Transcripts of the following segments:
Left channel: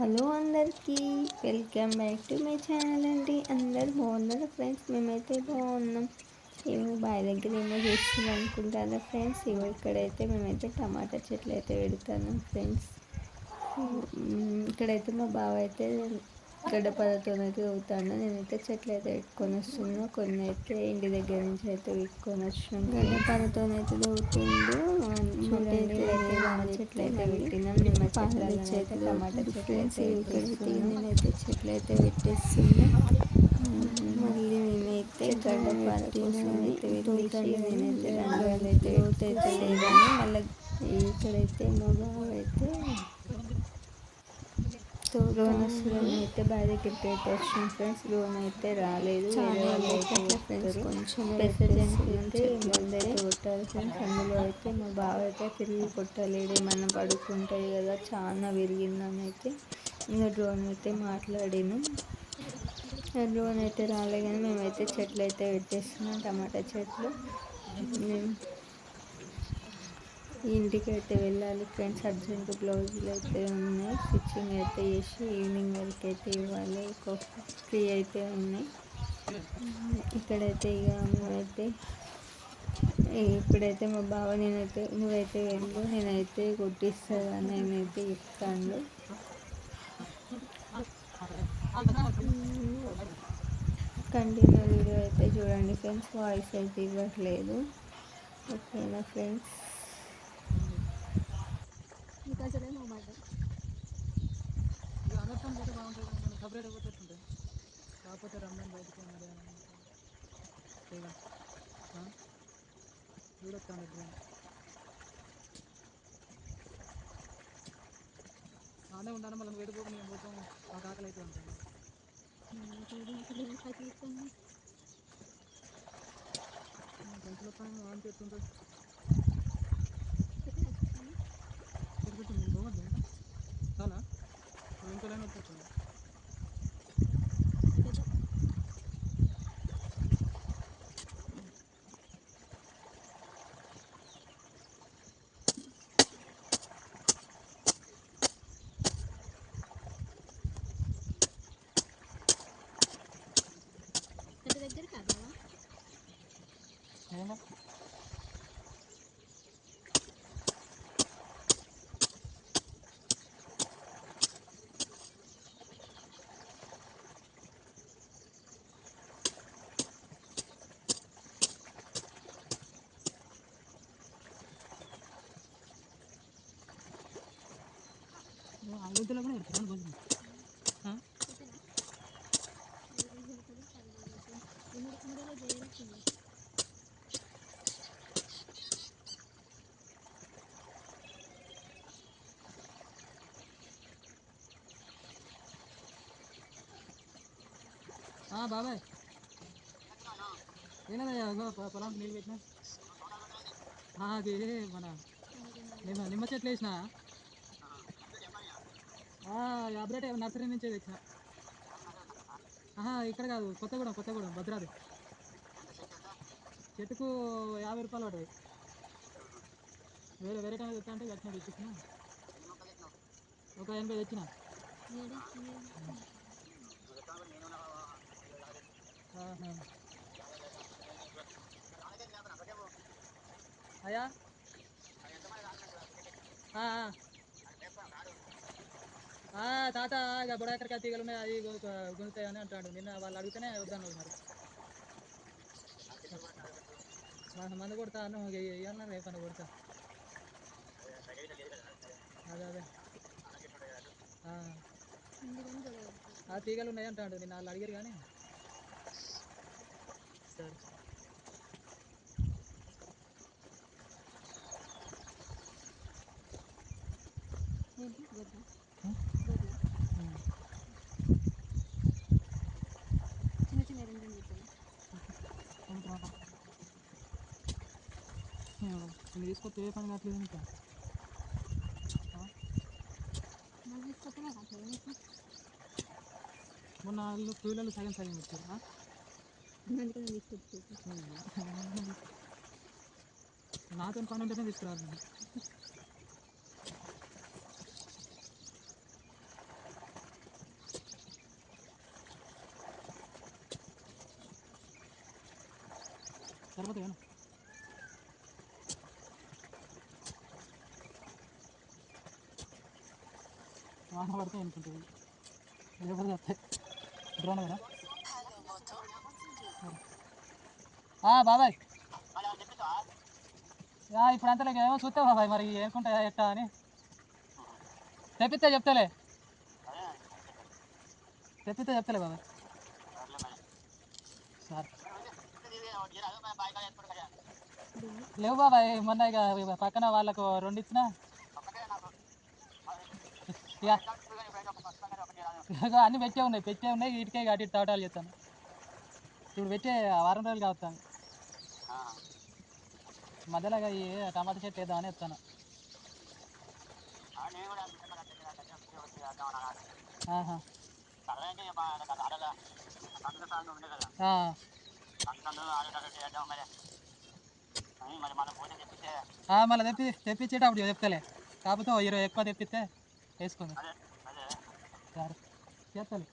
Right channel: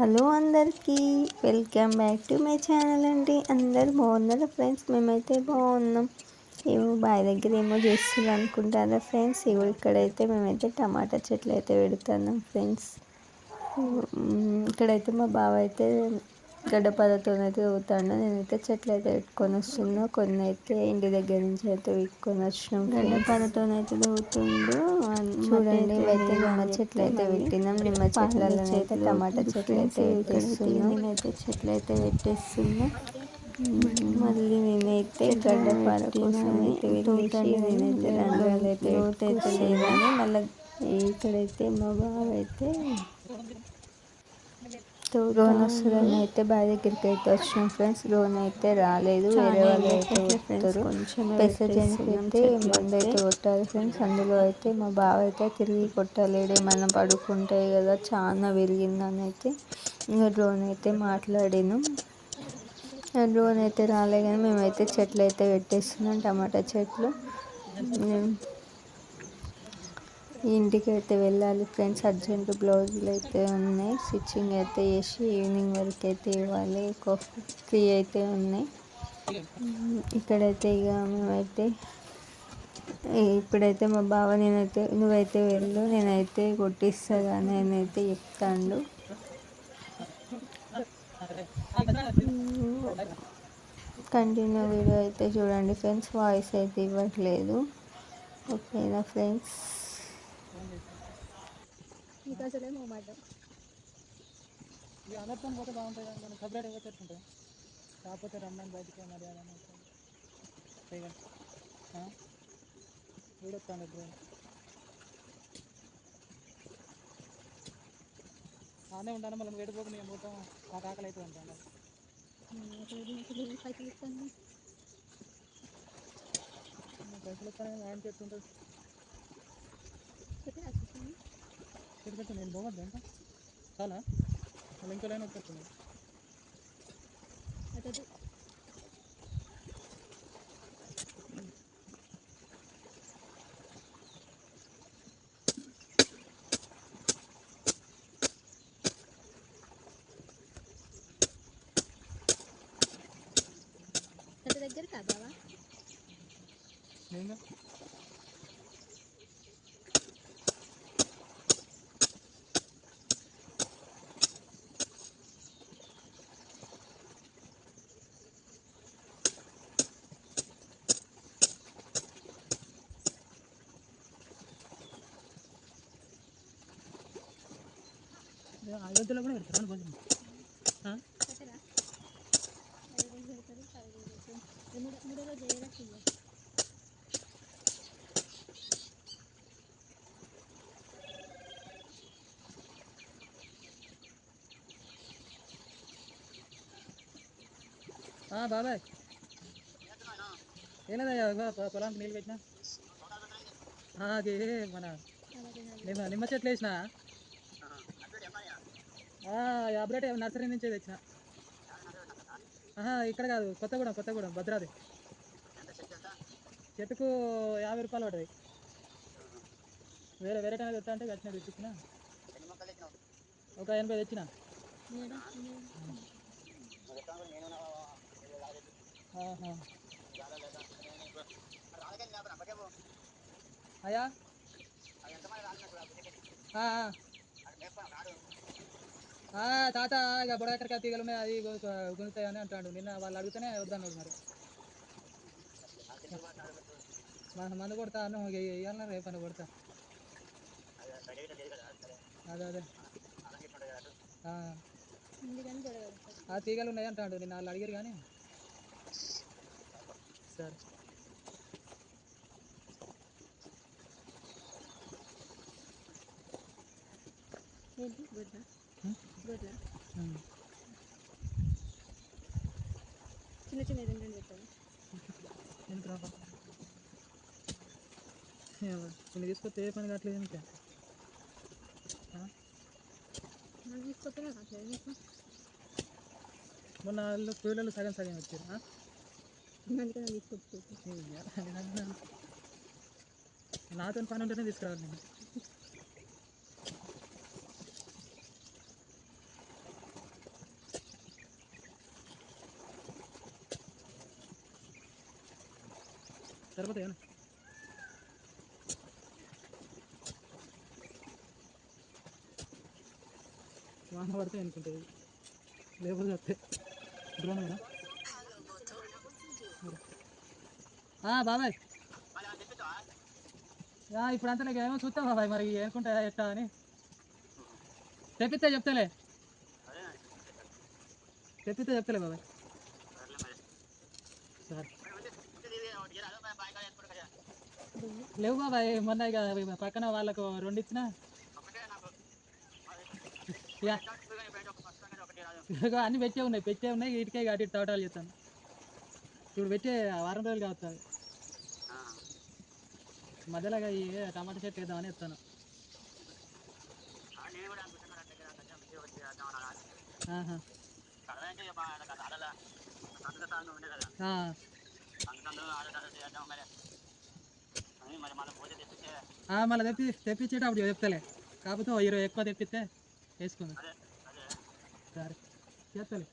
Hello అందరికీ welcome back to my channel అండి. అందరు బాగున్నారా ఫ్రెండ్స్? మేమైతే బాగున్నాం. ఏమో బావి దగ్గర ఏమో చేస్తున్నారు అనుకుంటారా ఫ్రెండ్స్? ఇగో ఇక్కడైతే మేమైతే టమాటా చెట్లు అయితే పెడుతున్నాం ఫ్రెండ్స్. ఇక్కడైతే మా బావ అయితే గడ్డపారతో అయితే ఊతాను. నేనైతే చెట్లు అయితే పెట్టుకొని వస్తున్నా. కొన్ని అయితే ఇంటి దగ్గర నుంచి అయితే విక్కొని వచ్చినాం. గడ్డపారతో అయితే ఊతుండు. చూడండి ఇవైతే నిమ్మ చెట్లు అయితే పెట్టినాం. నిమ్మ చెట్లలో అయితే టమాటా చెట్లు అయితే పెట్టేస్తున్నాం. నేనైతే చెట్లు అయితే పెట్టేస్తున్నా. మళ్ళీ నేనైతే గడ్డపార కోసం అయితే వెళ్ళేసి నేనైతే రంధ్రాలు అయితే లోతు అయితే లేదని మళ్ళీ ఇక్కడైతే మా బావ అయితే రోన్ వస్తుందని అయితే బావి దగ్గరికి అయితే వచ్చినాం ఫ్రెండ్స్. రోన్ అయితే రాలేదు, వేరే వాళ్ళు అయితే వస్తారు. పెసజనికి అయితే మందు అయితే కొట్టారు ఫ్రెండ్స్. అందులో అయితే మా బావ అయితే తిరిగి కొట్టలేడు, ఏమన్నా పడుకుంటాయి కదా, చాలా విరిగిందని అయితే ఇంకా డ్రోన్ అయితే మాట్లాడినాం. డ్రోన్ అయితే రాలే కానీ మేమైతే చెట్లు అయితే పెట్టేస్తున్నాం, టమాటా చెట్లు. ఇంటికి అయితే వెళ్ళాలి ఫ్రెండ్స్. అర్జెంట్ బ్లౌజులు అయితే ఉన్నాయి, స్టిచ్చింగ్ అయితే చేసి ఈవినింగ్ వరకు అయితే ఇవ్వాలి. ఫ్రీ అయితే ఉన్నాయి. ఇక్కడైతే ఇక మేమైతే ఇప్పుడైతే మా బావ నువ్వైతే వెళ్ళు, నేనైతే కొట్టిస్తా నేనైతే చెప్తాను. కంటిన్యూ వీడియో అయితే చూడండి ఫ్రెండ్స్. వాయిస్ అయితే ఇవ్వట్లేదు, ఓకేనా ఫ్రెండ్స్? మీకు అసలేమో మాట అనర్థం పోతే బాగుంటుంది కానీ మనం సపరేట్ పోతే ఎట్లుంటుంది. కాకపోతే రమ్మని బయటికి మర్యాద వీడొస్తాను డ్రోన్ ఆమె ఉండాలి. మళ్ళీ వేడిపోకుండా నేను పోతాం. నాకు ఆకలి అయితే ఉంటాను. పైసలు ఇస్తాను, పైసలు వస్తాను వాడికి ఎట్లుంటుంది. చెప్పి నేను పోవద్దు ఇంకా చాలా మళ్ళీ ఇంకో లైన్ వచ్చేస్తున్నాయి. దగ్గర కాదా అయోధ్యలో కూడా పెడతారు భోజనం. మూడో రోజు వేయరట్టుంది. బాబాయ్ ఏలేదయ్యా, పొలానికి నీళ్ళు పెట్టినా. అది మన నిమ్మ చెట్లు వేసిన అబ్రేట్ నర్సరీ నుంచే తెచ్చిన. ఇక్కడ కాదు, కొత్తగూడెం భద్రాది. చెట్టుకు 50 రూపాయలు పడ్డది. వేరే టైం తెస్తా అంటే వచ్చిన తెచ్చిన. ఒక 80 తెచ్చిన. అయ్యా తాత ఇక బుడకాయ తీగలు ఉన్నాయి, అది గుంజుతాయని అంటాడు. నిన్న వాళ్ళు అడిగితేనే వద్దన్నాడు. మరి మందు కొడతా అన్న ఇవ్వాలన్నా రేపన్నా కొడతా. అదే ఆ తీగలు ఉన్నాయి అంటాడు. నిన్న వాళ్ళు అడిగారు కానీ సరే. చిన్న చిన్న రెండు పెట్టాలి. కొన్ని తీసుకొస్తే ఏ పని కావట్లేదు. ఇంకా తీసుకొస్తేనే కావట్లేదు. మొన్న వాళ్ళు కూలీలు సగం వచ్చారు. అందుకని తీసుకొచ్చి నాతో పని ఉంటేనే తీసుకురావాలి. నేను సరిపోతాయి వాన పడితే అనుకుంటుంది లేకపోతే వస్తాయి డ్రోన్ కదా బాబాయ్ ఇప్పుడు అంతా నాకు ఏమో చూస్తావు బాబాయ్ మరి ఏనుకుంటా ఎట్టా అని తెప్పిస్తే చెప్తాలే బాబాయ్ సార్ లేవు బాబాయ్ మొన్న ఇక పక్కన వాళ్ళకు 2 ఇచ్చినా ఇక అన్నీ పెట్టే ఉన్నాయి ఇటుకే అటు ఇటు తోటాలు చేస్తాను ఇప్పుడు పెట్టే వారం రోజులు కావస్తాను మధ్యలో ఈ టమాటా చెట్టు వేద్దామని ఎత్తాను మళ్ళీ తెప్పించేటప్పుడు చెప్తాలే కాకపోతే 20 ఎక్కువ తెప్పిస్తే వేసుకుందాం సరే చేస్తాలే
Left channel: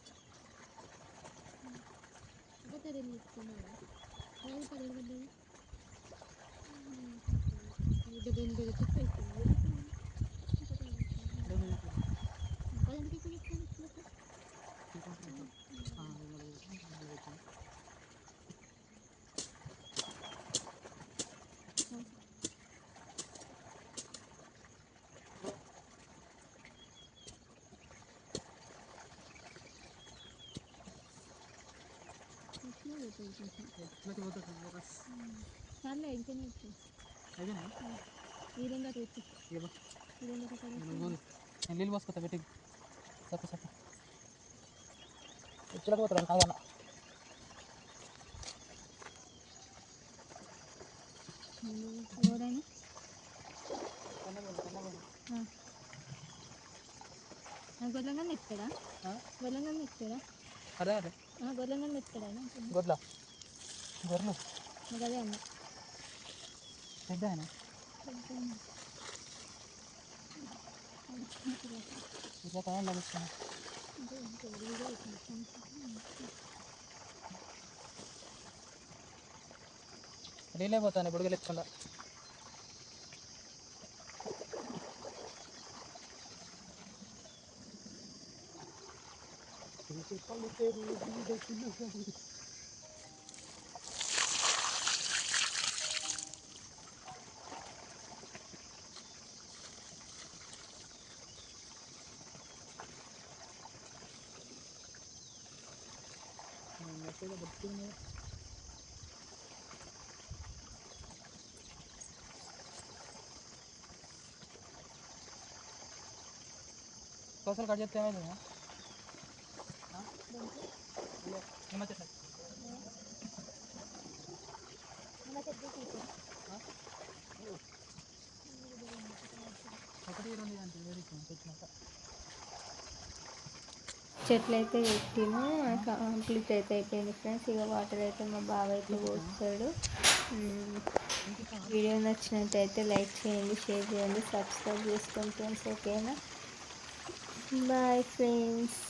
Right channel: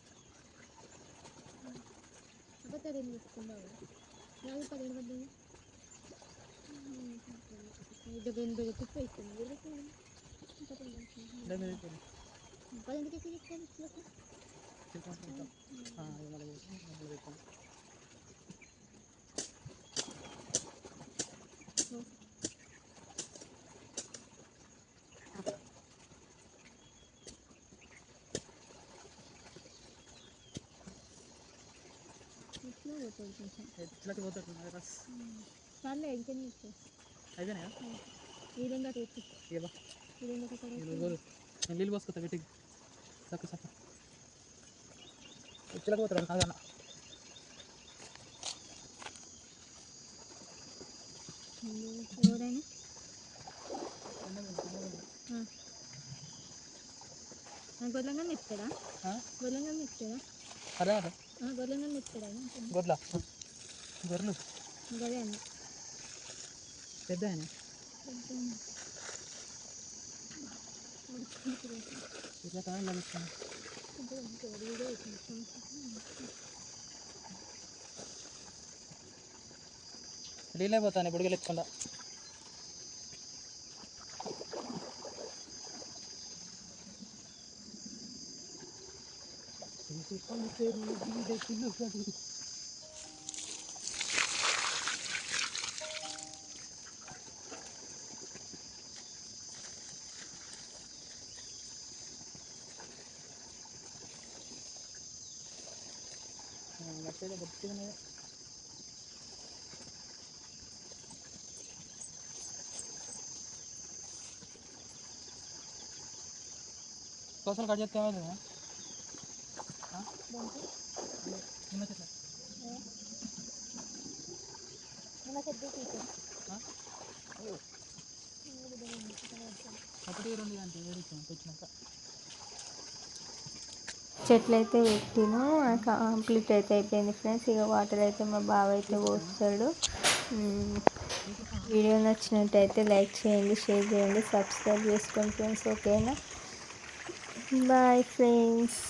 అయిపోయినాయా నీళ్ళు పోసుకొస్తా పెట్టి సక్క ఇచ్చలకు పోతాడు కాదన్న గొర్రెంగా ఇస్తాడా అదే అదే గొర్రెంగా ఇస్తాడా గొర్రెలు గదే అన్న పెద్ద ఆయన నీళ్ళే పోతాను ఇప్పుడు వెళ్ళకుండా కోసలు కట్ చేస్తే ఏమైంది నిమ్మ చెట్టు ఒకటి 2 అంటే తెచ్చినాక చెట్లు అయితే పెట్టిను కంప్లీట్ అయితే అయిపోయింది ఫ్రెండ్స్. ఇక వాటర్ అయితే మా బావ అయితే పోస్తాడు. వీడియో నచ్చినట్టయితే లైక్ చేయండి, షేర్ చేయండి, సబ్స్క్రైబ్ చేసుకోండి ఫ్రెండ్స్. ఓకేనా, బాయ్ ఫ్రెండ్స్.